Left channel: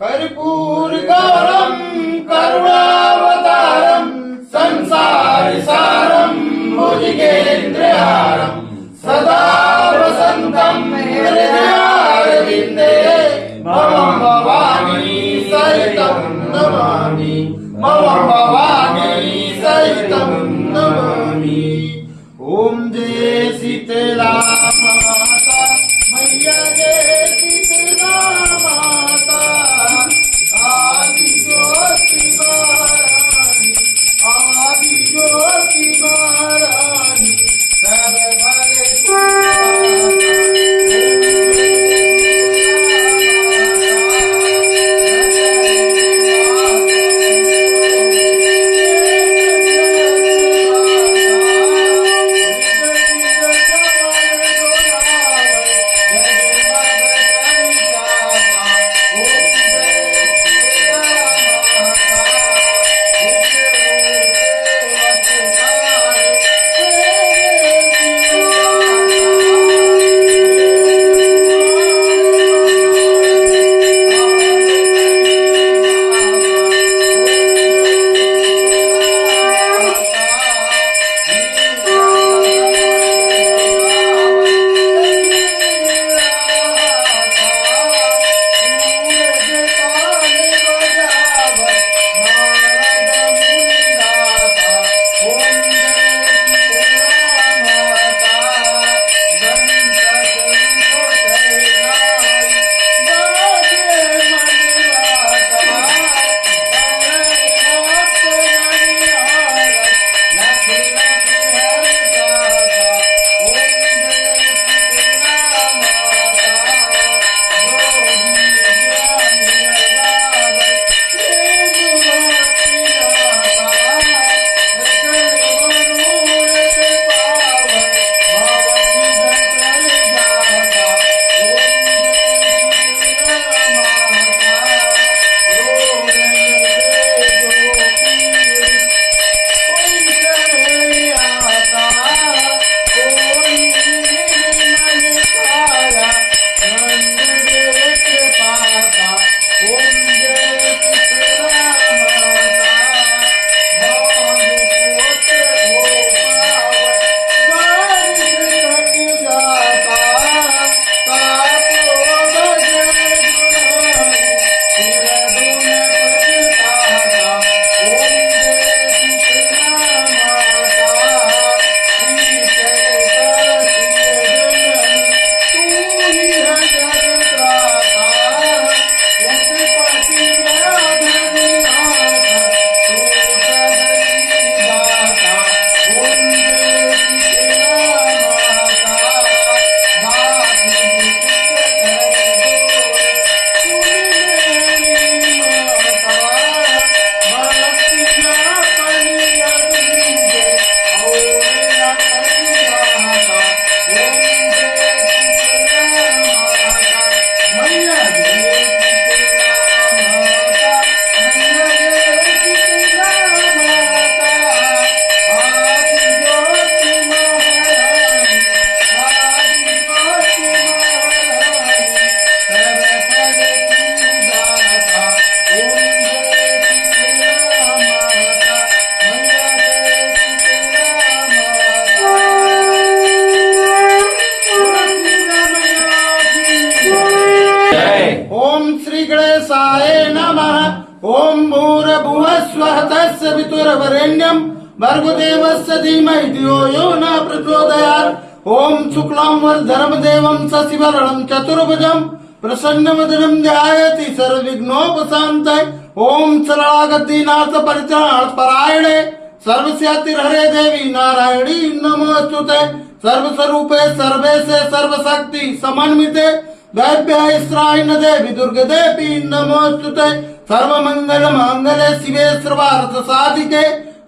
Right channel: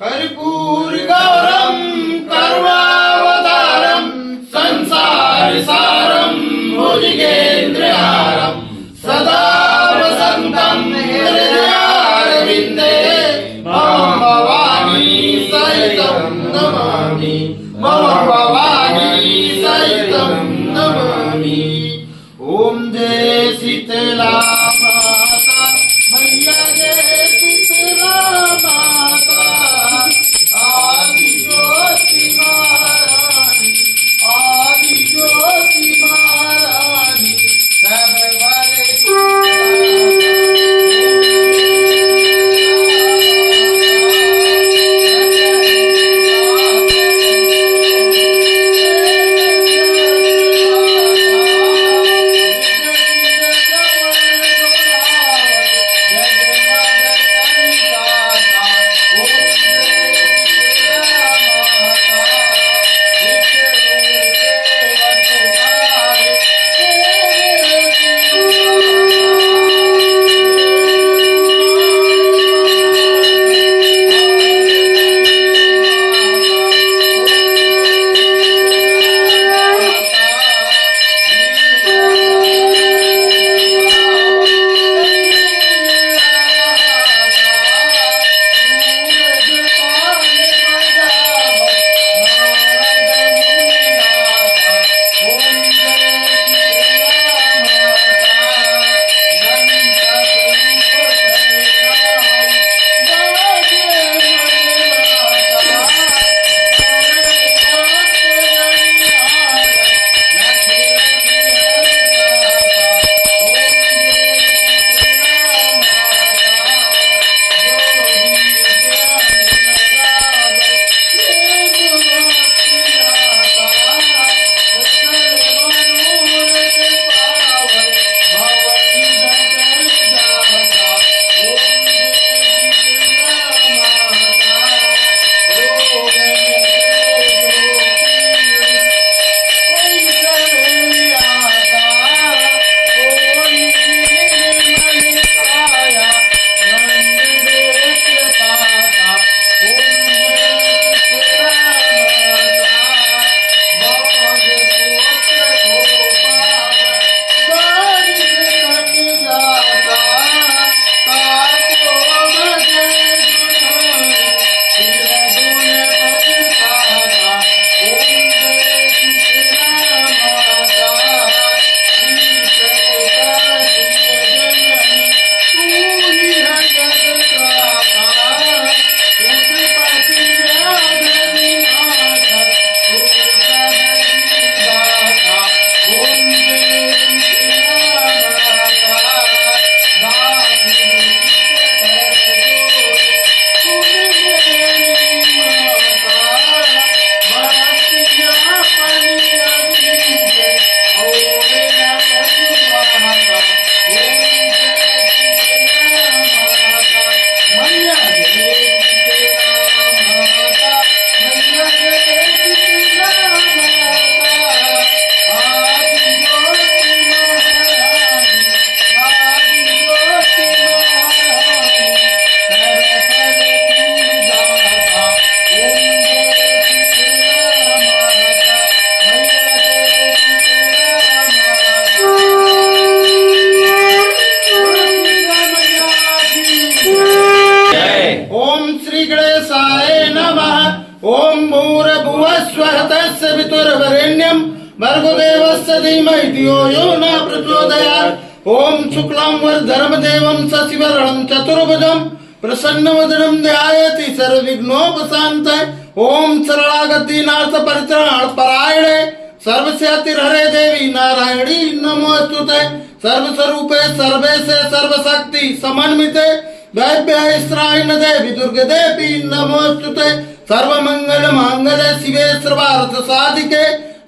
कर्पूर गौरम कर्वावतारम संसार सारम भुजगेंद्रहारम सदा वसंतम हृदयारविंदे मम भवानी सहितं नमामि मम भवानी सहितं नमामि। ओम जय शीतला माता मैया जय शीतला माता आदि ज्योति महारानी आदि ज्योति महारानी सर्वले ओम भूर्भुवस्वः तत्सवितुर्वरेण्यं भर्गोदेवस्य धीमहि धियो यो न प्रचोदयात्। ओम शुक्लां वरदं देवं शशिवर्णं चतुर्भुजं प्रसन्नवदनं ध्यायति सर्वविघ्नोपशान्तये। ओम शरणागति नाथ परित्राणपरायणे सर्वस्यातिर्हरे देवी नारायणी नमोस्तुते। सर्वस्वरूपे सर्वेशे सर्वशक्ति समन्विते दैव्यास्त्रायण देवी दुर्गे देवी नमोस्तुते। सर्वमंगल मांगल्ये शिवे सर्वार्थ साधिके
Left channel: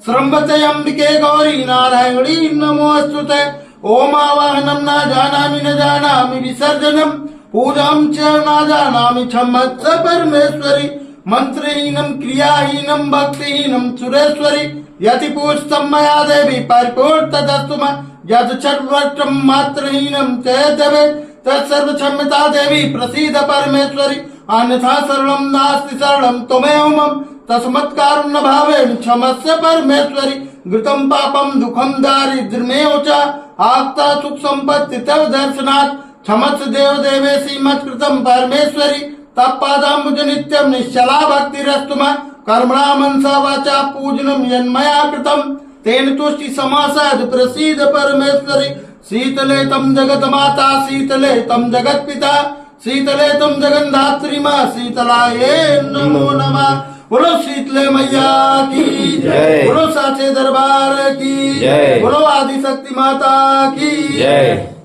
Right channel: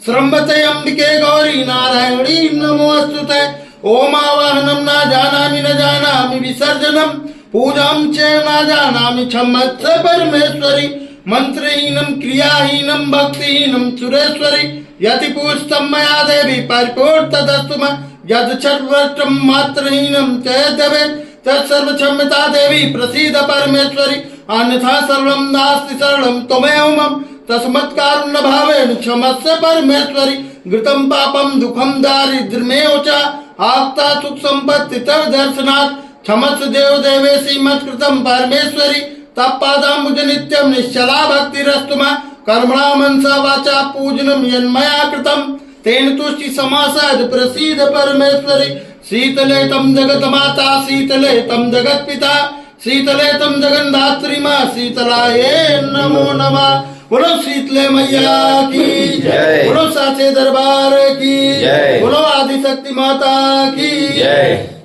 श्रम्भते अंबिके गौरी नारायणी नमोस्तुते। ओम आवाहनं न जानामि विसर्जनं पूजां च न जानामि क्षमस्व परमेश्वरी। मंत्रहीनम क्रियाहीनम भक्तिहीनम सुरेश्वरी यति पूजितं मया देवी परिपूर्तदस्तु मे यद सर्वत्रं मात्रहीनं चेदवे तत्सर्व क्षम्यता देवी प्रसीद परमेश्वरी अन्यथा सर्वं नास्ति शरणं त्वमेव मम तस्मत् कारुण्य भावेन क्षमस्व परमेश्वरी घृतं पापं दुःखं दारिद्र्यमेव च आप्ता सुख संपत्ति तव दर्शनात् क्षमस्व देव देवेशी मत्कृतं परमेश्वरी तत्पादाम्बुज नित्यं निश्चला भक्तिरस्तु मे कर्मणा मनसा वाचा पूजनं यन्मया कृतं तेन तुष्टि समासाद प्रसीद परमेश्वरी शीतले तम जगत माता शीतले तम जगत पिता शीतले तम जगन्धात्री माँ शीतलाये नमो नमः। बोलो शीतले मैया की जय, बोलो साचे दरबार की जय, बोलो आदि शक्ति माता की जय।